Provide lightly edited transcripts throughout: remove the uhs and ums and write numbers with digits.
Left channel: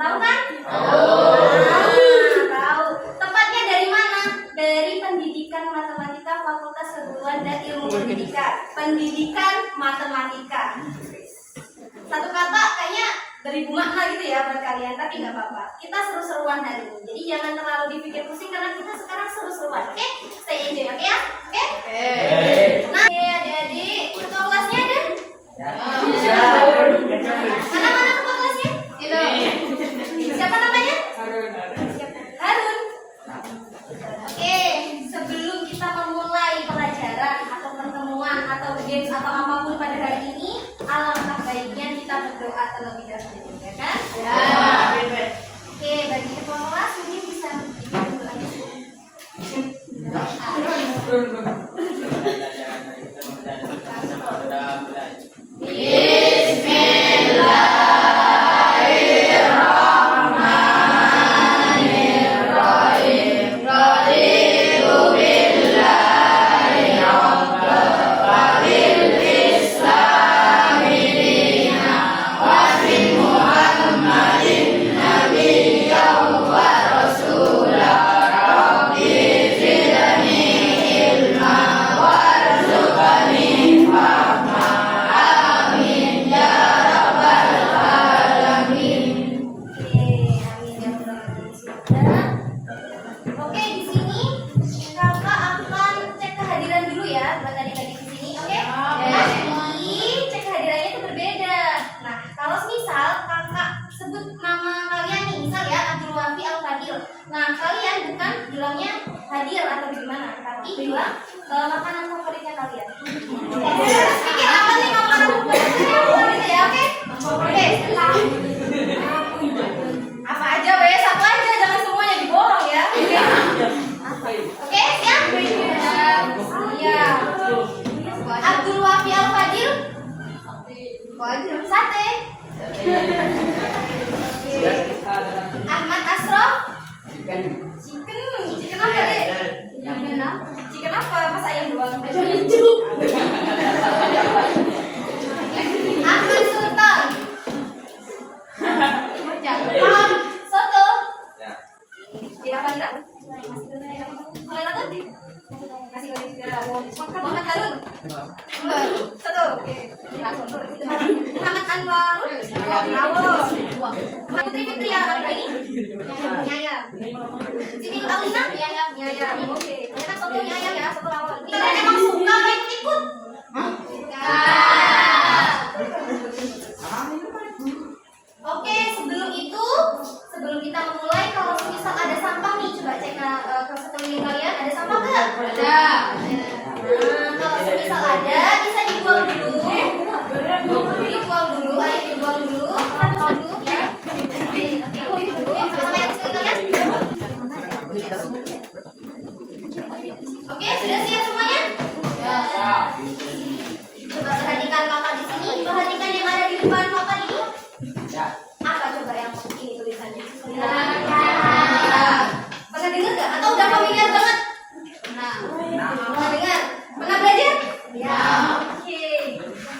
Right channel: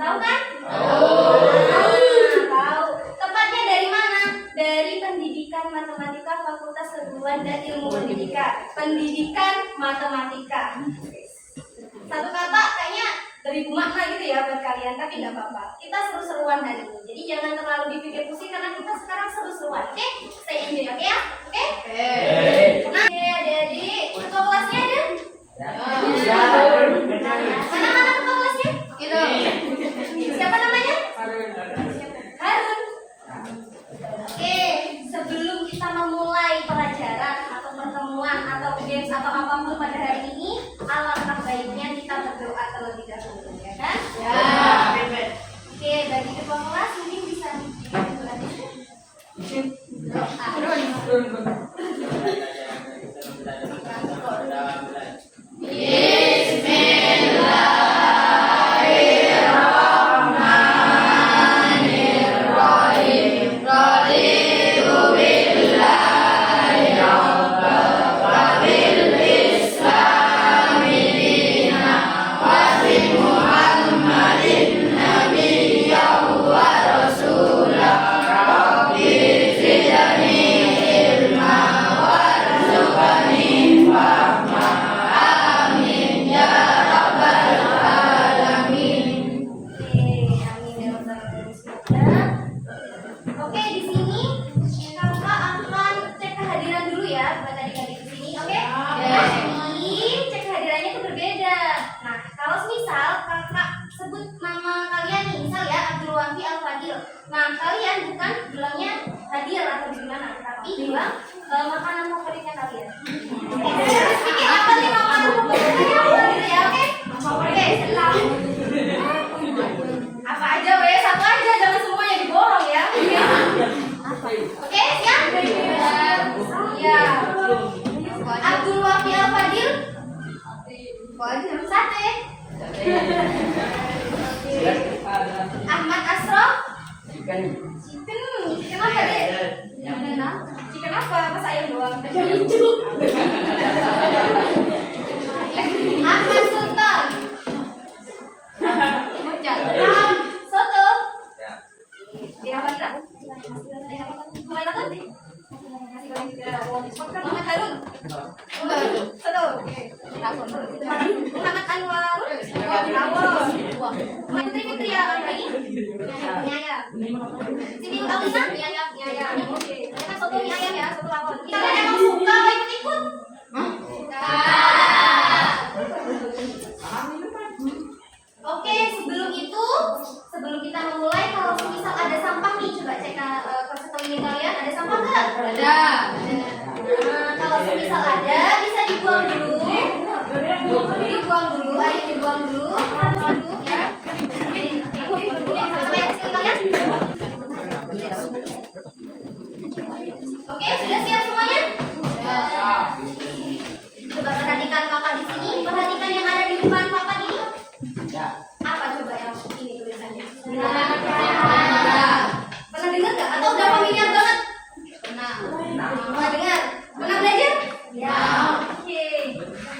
Tahu kan? Tahu. Tepatnya dari mana? Dari Pendidikan Matematika Fakultas Keguruan dan Ilmu Pendidikan. Pendidikan Matematika. Satu kata kayaknya beribu makna gitu ya buat kalian, tapi nggak apa-apa. Kita seru-seruan hari ini. Jadi jangan terlalu dipikir pusing karena kita sekarang seru-seruan. Oke? Stay enjoy, oke ya? Oke? Nah, adik-adik, ketua kelasnya ada? Mana ketua kelasnya? Itu. Siapa namanya? Harun. Oke, sebelum kita memulai pelajaran atau pertemuan atau games atau apapun pada hari ini, alangkah baiknya kita berdoa terlebih dahulu, ya kan? Ya. Oke, bagi ketua kelas mungkin bisa berdoa. Oke, di sini kakak akan cek kehadiran dulu ya buat adik-adik di sini, oke? Tapi cek kehadirannya itu berbeda. Nah, kalau misal kakak sebut nama kalian nih, misal ya Abdul Wafi Al Fadil. Nah, kalian bukan bilangnya hadir atau gimana, tapi bilang makanan favoritnya kalian. Harus pikir apa nih makanan favoritnya, gitu ya, oke? Oke. Apa aja, satu aja, jangan semuanya diborong ya. Oke, siap? Iya. Abdul Wafi Al Fadil. Sate. Ahmad Asrof. Chicken apa deh? Chicken apa? Masa ayam doang? Ahmad Sultan. Soto. Dia apa enggak? Mulai nonton? Masih banyak juga. Muhammad Harun. Soto. Muhammad Anwar. Putri Fitria Anggreni. Nyaya. Siti Alina. Nyaya. Oke. Ternyata soto nyaya ya, soto rawon. Kalian emang suka apa ikut-ikut? Oke, sebelum kita memulai, kalau misal ada sampah nih, coba cek ke sekeliling kalian, ada sampah nggak? Ada. Nah, kalau misal ada, bisa dibuang dulu. Ayo dibuang dulu. Ya. Sama-sama yang sekeliling kalian. Oke, sudah siap semuanya? Coba perhatikan kakak di sini, perhatikan yang ada di depan kakak ini. Apa coba yang ini tulisannya? Pernah dengar nggak? Atau udah familiar banget? Pernah dengar? Pernah belajar? Ya. Oke.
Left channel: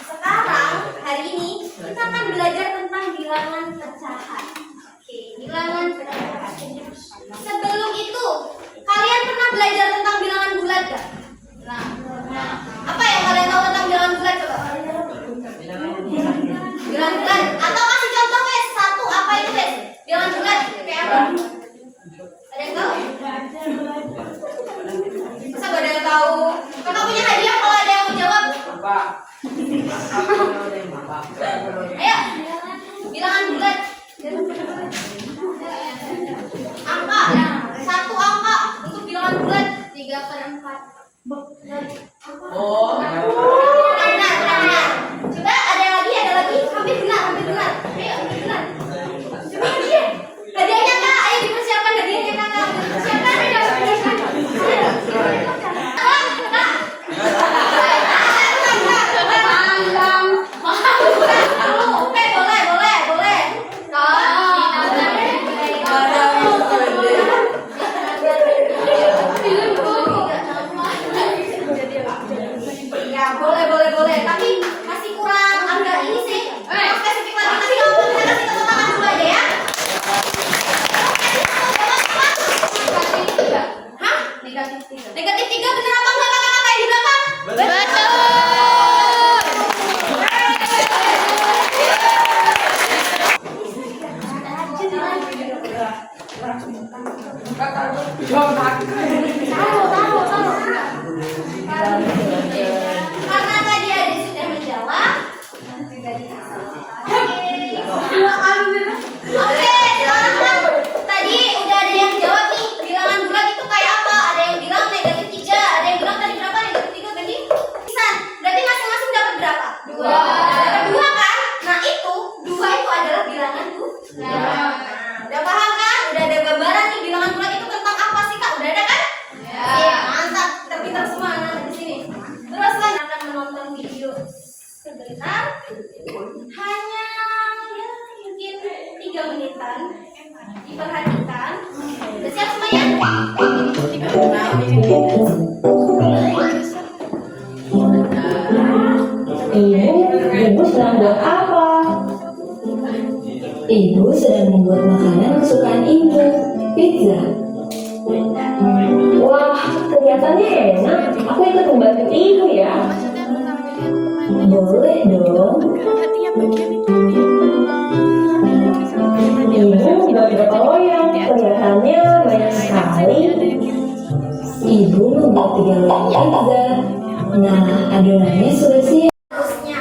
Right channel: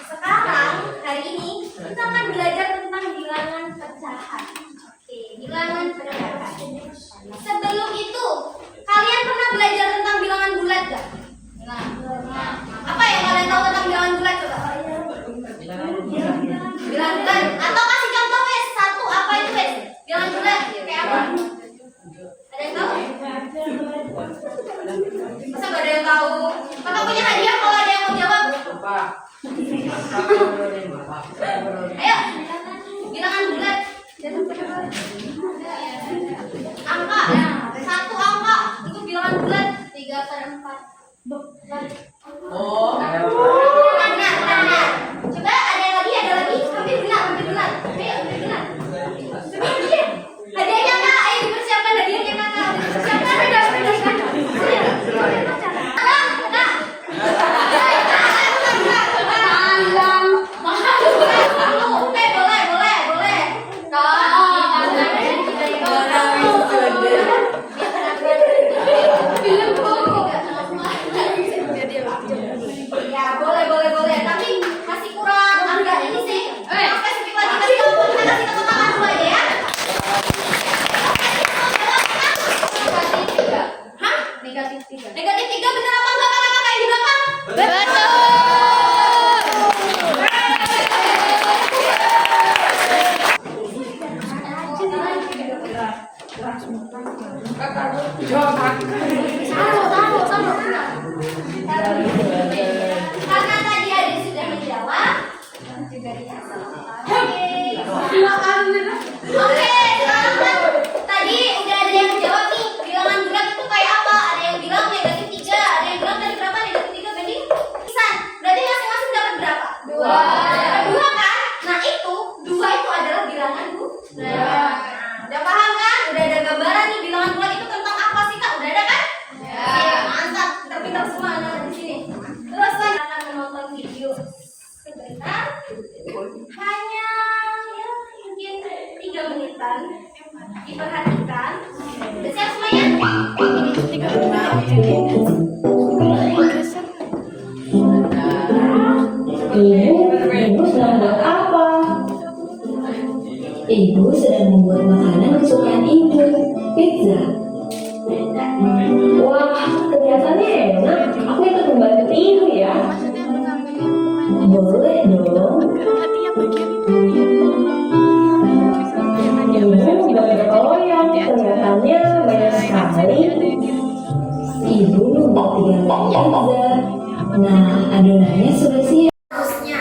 Sekarang hari ini kita akan belajar tentang bilangan pecahan. Oke, bilangan pecahan. Sebelum itu, kalian pernah belajar tentang bilangan bulat nggak? Apa yang kalian tahu tentang bilangan bulat coba? Bilangan bulat. Atau kasih contoh guys, satu apa itu guys? Bilangan bulat kayak apa? Ada yang tahu? Masa gak ada yang tahu? Kakak punya hadiah kalau ada yang mau jawab. Ayo, bilangan bulat. Angka, satu angka untuk bilangan bulat 3/4. Oh. Benar. Coba ada lagi. Hampir benar. Ayo, benar. Coba hadiah. Hadiahnya kak, ayo dipersiapkan hadiahnya kakak. Dipersiapkan. Oke, boleh. Karena tadi ada sudah menjawab, juga dikasih. Oke, teman-teman. Tadi udah ada yang jawab nih. Bilangan bulat itu kayak apa? Ada yang bilang negatif 3, ada yang bilang tadi berapa? Negatif 3 tadi? Pisan. Berarti masing-masing dapat berapa? 2. Dapat 2 kan? Nah itu, 2 itu adalah bilangan bulat. Nah, udah paham kan? Udah ada gambaran nih bilangan bulat itu tentang apa sih Kak? Udah ada kan? Ya, mantap. Pintar semua anak di sini. Terus saya akan menonton video sebentar. Hanya ya mungkin 3 menitan. Diperhatikan. Udah siap semuanya? Ibu sedang buat apa? Ibu sedang membuat makanan kesukaan ibu, pizza. Wah, kelihatannya enak. Aku ikut membantu ibu ya. Boleh dong. Ibu membuat berapa loyang? Kelihatannya banyak sekali. Ibu membuat 3 loyang pizza. Nah, adonannya sudah siap. Terusnya,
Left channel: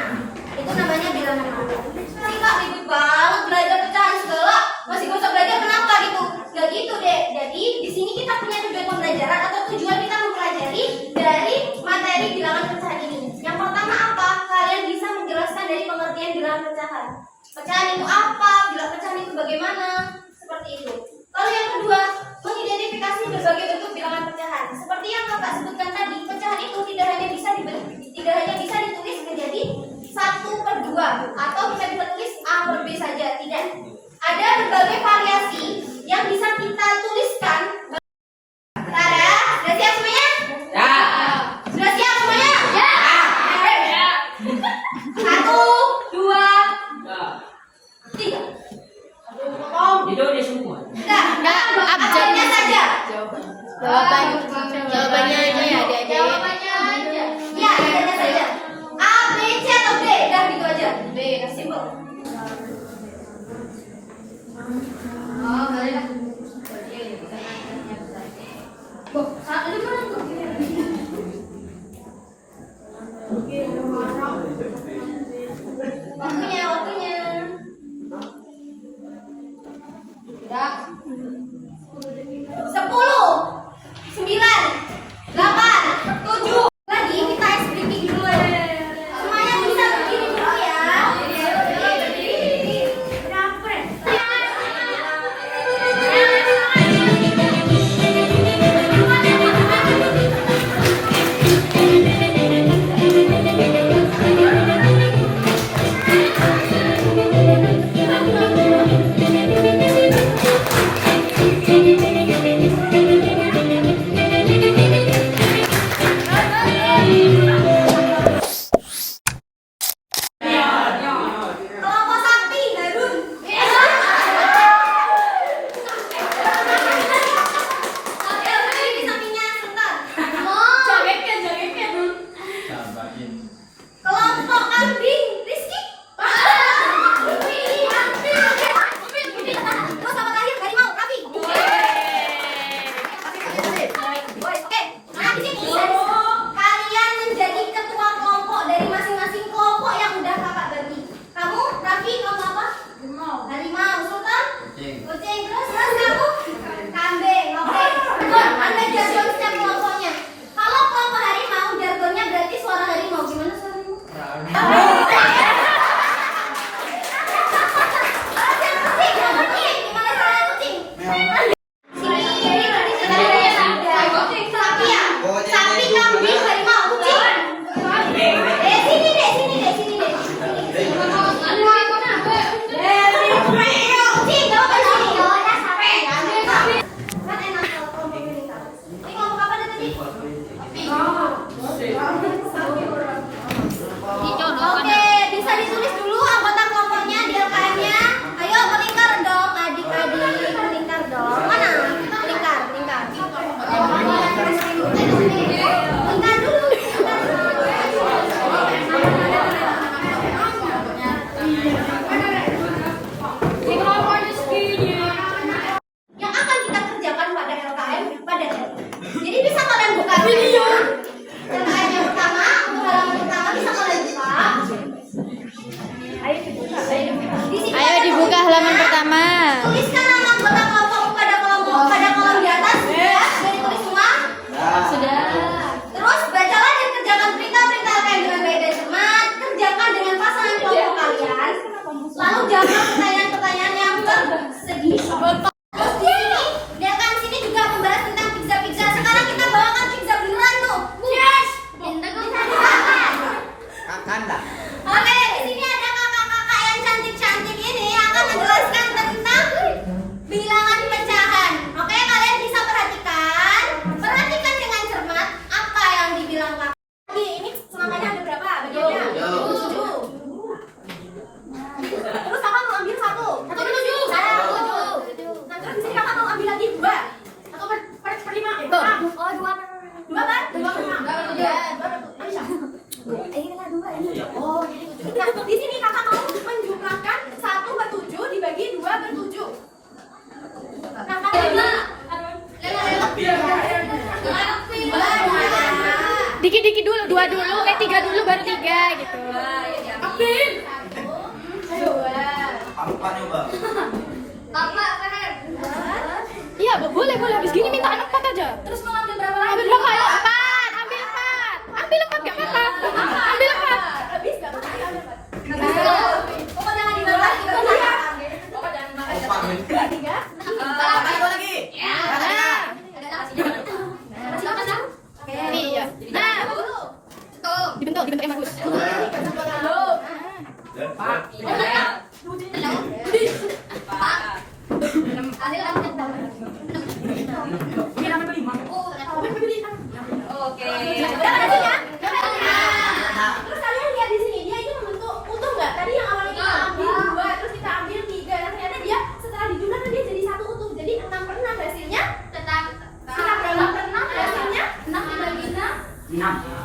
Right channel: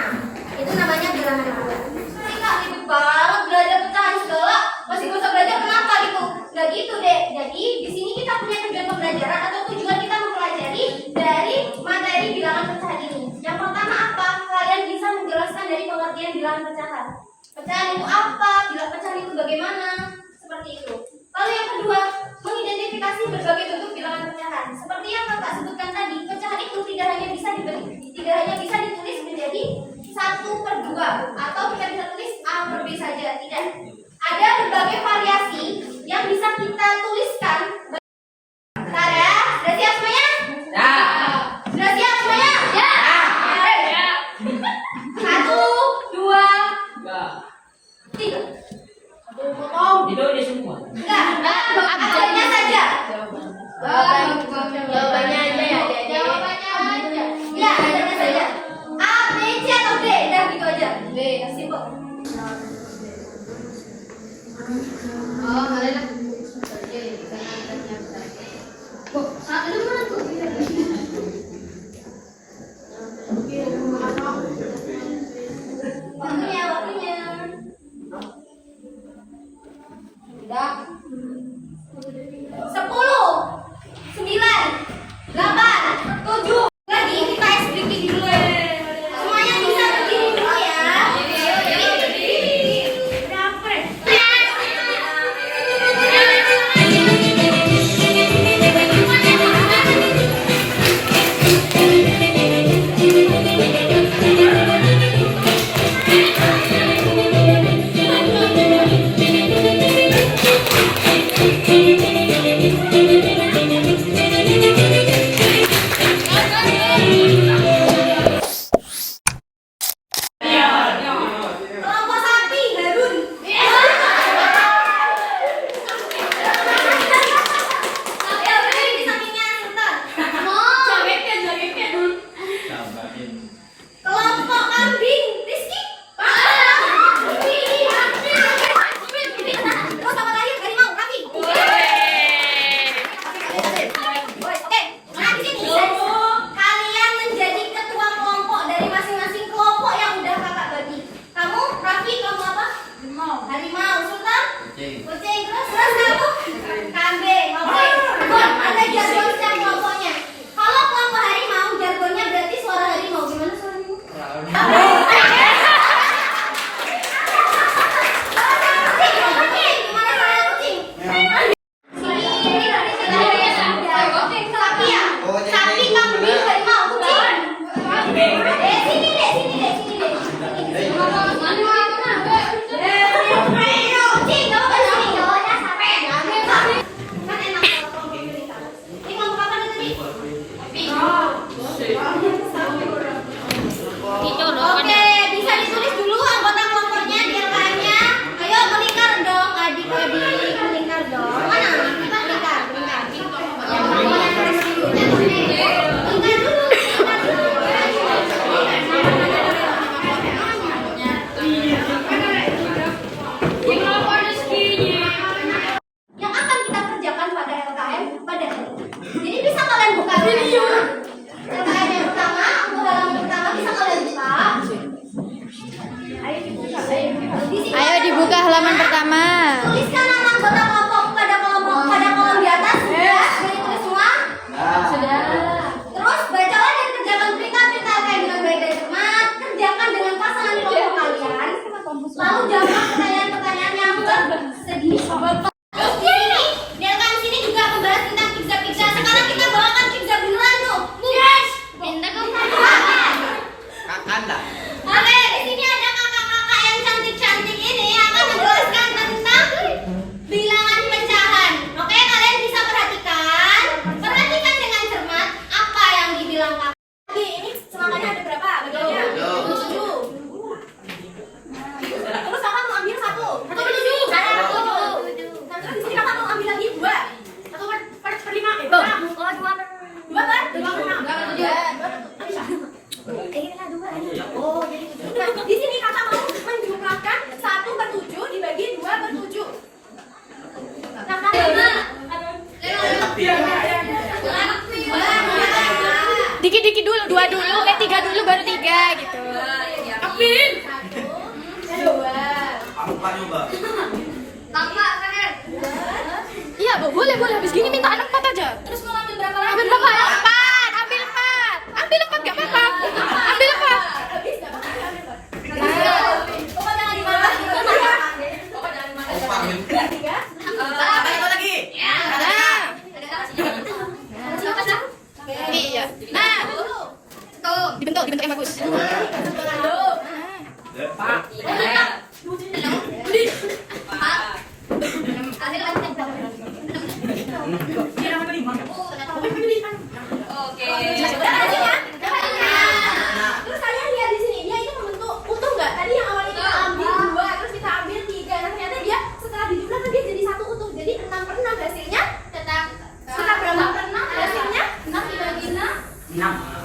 itu namanya bilangan bulat. Sih Kak, ribet banget belajar pecahan segala. Masih gak usah belajar kenapa gitu? Gak gitu deh. Jadi di sini kita punya tujuan pembelajaran atau tujuan kita mempelajari dari materi bilangan pecahan ini. Yang pertama apa? Kalian bisa menjelaskan dari pengertian bilangan pecahan. Pecahan itu apa? Bilangan pecahan itu bagaimana? Seperti itu. Lalu yang kedua, mengidentifikasi berbagai bentuk bilangan pecahan. Seperti yang Kakak sebutkan tadi, pecahan itu tidak hanya bisa ditulis menjadi 1/2 atau kita bisa tulis A per B saja, tidak. Ada berbagai variasi yang bisa kita tuliskan. Bentar ya, sudah siap semuanya? Ya. Sudah siap semuanya? Ya. 1, 2, 3. Itu dia semua. Enggak, abjadnya saja. Jawabannya aja ya, Jawabannya aja. Ya, abjadnya saja. A, B, C atau D? Udah gitu aja. B, simpel. Oh, boleh lah. Ada mana tuh? Waktunya. Tidak. 10, 9, 8, 7. Lagi kita SBK dulu ya. Semuanya bisa berdiri dulu ya. Berdiri. Kenapa? Kelompok sapi, Harun. Ya, berdiri di sampingnya Sultan. Kelompok kambing, Rizky. Terus sama terakhir harimau, Raffi. Oke, nah di sini kalian menjadi ketua kelompok dari masing-masing kelompok yang udah kakak bagi. Kamu, Raffi, kelompok apa? Harimau. Sultan? Kucing. Terus kamu? Kambing. Oke. Good. Ada jargon setiap kelompoknya. Kalau kelompok harimau, jargonnya berarti suara harimau. Gimana suara harimau? Gimana suara tuliskan nama anggota kelompok pada kolom di atas. Sudah ditulis semua? Sudah. Terus bacalah dan kerjakan perintah-perintah kalian dengan baik dan cermat. Kerjakan dengan pasangan kelompok kalian. Lalu jawab pertanyaan-pertanyaan yang bersegi. Terus di sini, di akan sini juga akan bahas tentang pizza-pizza. Sekarang kita bawakan pizza beneran tuh. Yes. Minta kamu. Makan lah. Oke, di sini ada kakak-kakak yang cantik-cantik ini yang akan menjelaskan tentang bilangan pecahan. Oke, kalian bisa perhatikan dengan cermat apa yang dibilang kakak. Lagi, ini semuanya ada berapa? Bagiannya? 7. Terus kakak mau ambil 1. 1 per 7. Nah, terus di sini kakak mau ambil lagi 2. 1 per 5. Oh, 2 kan? 2 per 6. Bisa. Ini kan 2 ini. Oh, jadi 7. Nah, di sini kakak mau menjumlahkan 1 per 7 dibagi 2 per 7. Kakak Dikit-dikit dulu, 2 dulu, 3 dulu baru 3 gitu. Oke. 2. Aku kan coba. Tambah kan? Iya, Bu. Boleh. Habis gini minta anak 4 aja. Terus mau ambil berapa lagi? Ambil berapa? 4. Ambil 4. Ambil 4 enggak apa-apa. Ambil 4. Habis enggak apa-apa. Nah. Pokoknya jangan dimakan. Pokoknya jangan dimakan. Opa ambil. 3. Satu lagi. Nah. Iya. Nah. Dibentuk yang bagus. Terus kalian lihat di sini, dia itu membentuk utuh nggak? Tadi yang awalnya kita ambil 2, terus kita ambil 3. Nah ternyata dia setelah dijumlahkan dia jadi 1 utuh. Jadi 6 per 6 hasilnya sekitar berapa per 6 hasilnya? 6 dibagi 6. 6.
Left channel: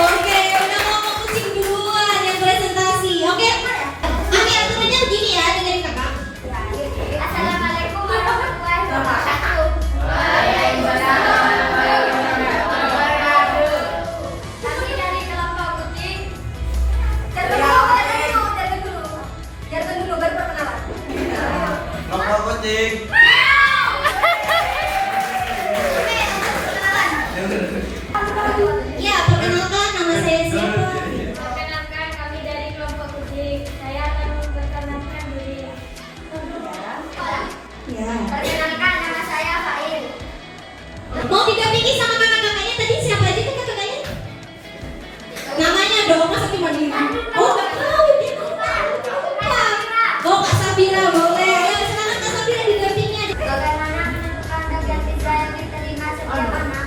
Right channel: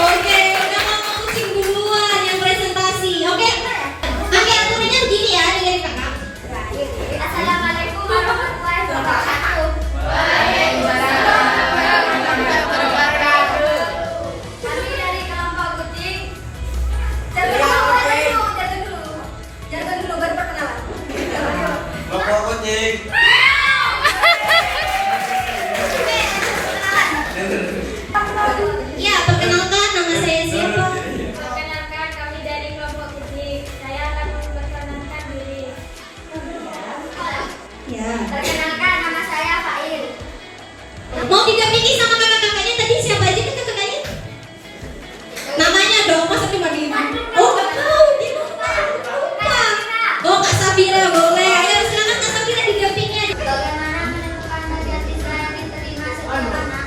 Oke, udah ngomong kucing duluan yang presentasi. Oke, aturannya begini ya, dengerin kakak. Assalamualaikum warahmatullahi wabarakatuh. Kami dari kelompok kucing. Jatuh dulu baru perkenalan. Kelompok kucing. Iya, perkenalkan nama saya siapa? Perkenalkan, kami dari kelompok kucing. Saya akan memperkenalkan diri. Ya. Perkenalkan, nama saya Fail. Mau didampingi sama kakak-kakaknya tadi siapa aja kakak-kakaknya? Namanya dong, masa cuma gini? Oh, nggak tahu, dia lupa. Oh, Kak Safira, boleh. Ayo silakan Kak Safira didampingi. Bagaimana menentukan bagian siswa yang diterima setiap anak?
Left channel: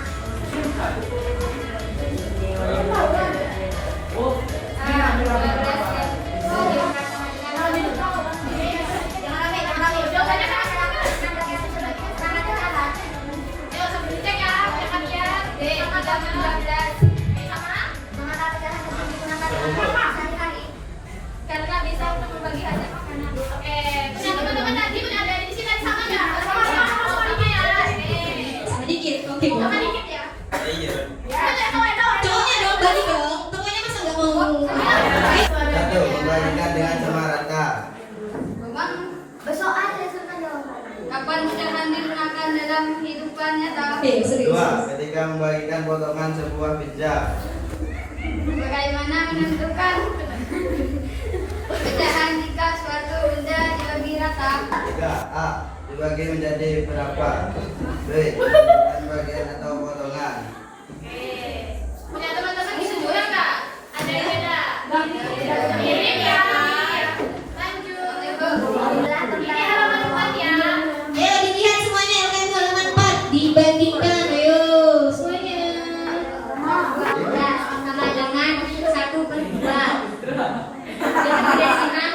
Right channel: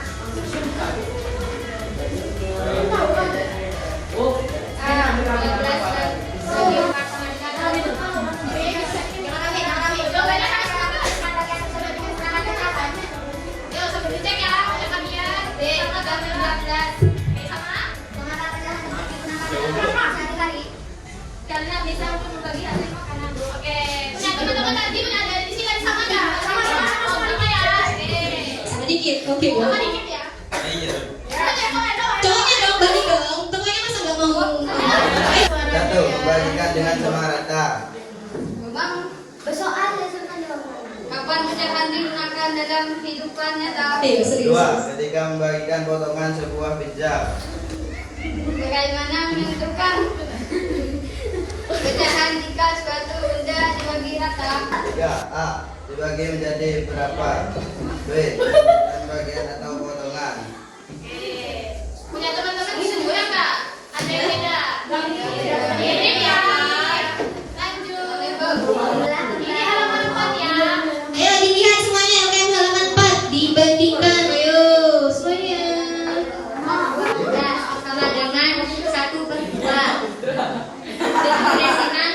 Karena bisa berbagi hasil makanan. Oke. Punya teman-teman tadi ada di sini sama nggak? Sama ya. Sedikit, oke. Sama dikit ya. Iya. Cowoknya dong, balik dong. Cowoknya masa nggak mau? Satu, membagikan dengan sama rata. Bersoal lesson jawaban. Kapan pecahan digunakan dalam kehidupan nyata? Ayo, serius. Dua, ketika membagikan potongan sebuah pizza. Bagaimana menentukan pecahan jika suatu benda dibagi rata? Tiga, A, dibagi menjadi berapa? B, dan bagian atau potongan. Punya teman-teman keseluruhan nggak? Ada yang beda? Ini ya. Lanjut. Ini halaman 4 ya. Ayo dilihat semuanya LKM halaman 4 dibandingkan. Ayo semuanya. Sama dengan 1/2. Dengan desinan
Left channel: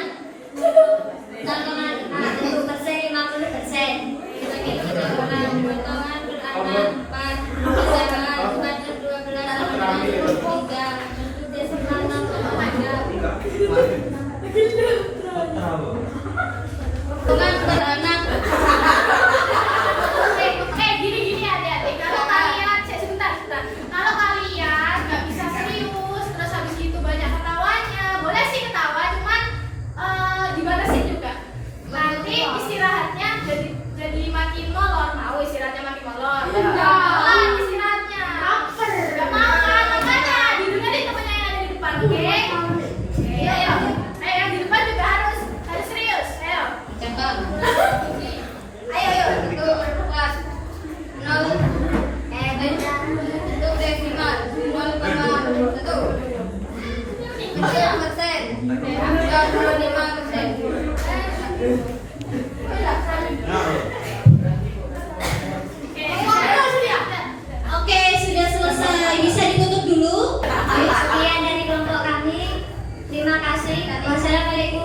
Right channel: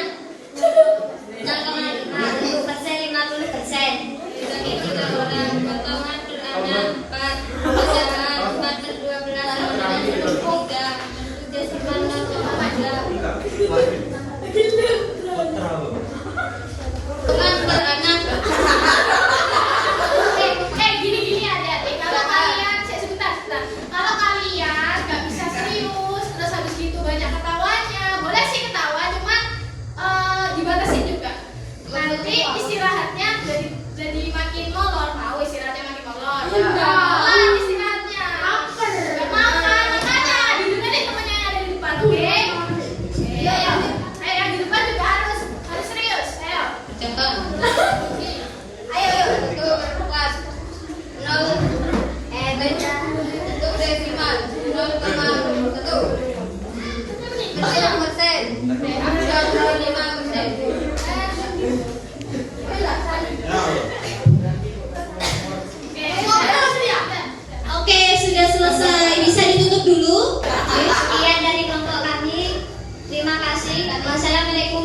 0,5 untuk persen 50%. Begitu juga orang potongan beranak 4.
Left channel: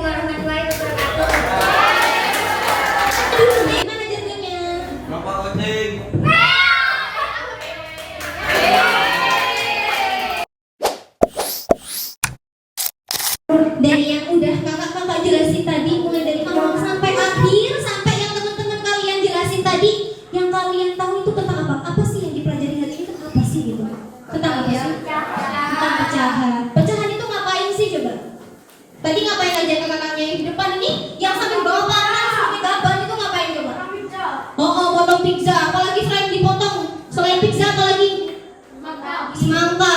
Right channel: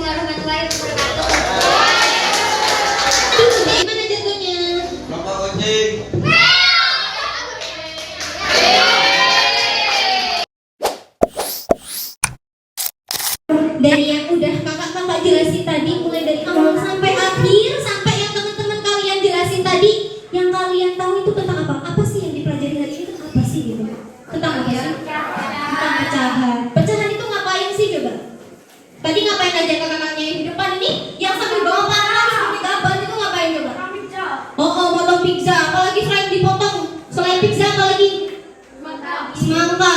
warahmatullahi wabarakatuh. Gimana jatuhnya? Nampak kucing. Dari yang udah kakak jelasin tadi, mulai dari awal sampai akhir, sampai yang teman-teman kalian jelasin tadi, yang kalian tahu itu tentang apa? Apa sih yang dipelajari hari ini? Tentang apa sih gitu? Tentang apa sih? Tentang pecahan. Pecahan itu ngapain sih coba? Tadi ngapain aja kakak-kakaknya yang di depan ini? Yang sambil bawa panah, sambil gaban itu ngapain coba? Oh, potong pizza. Apalagi selain dipotong, selain pizza apalagi? Semangka.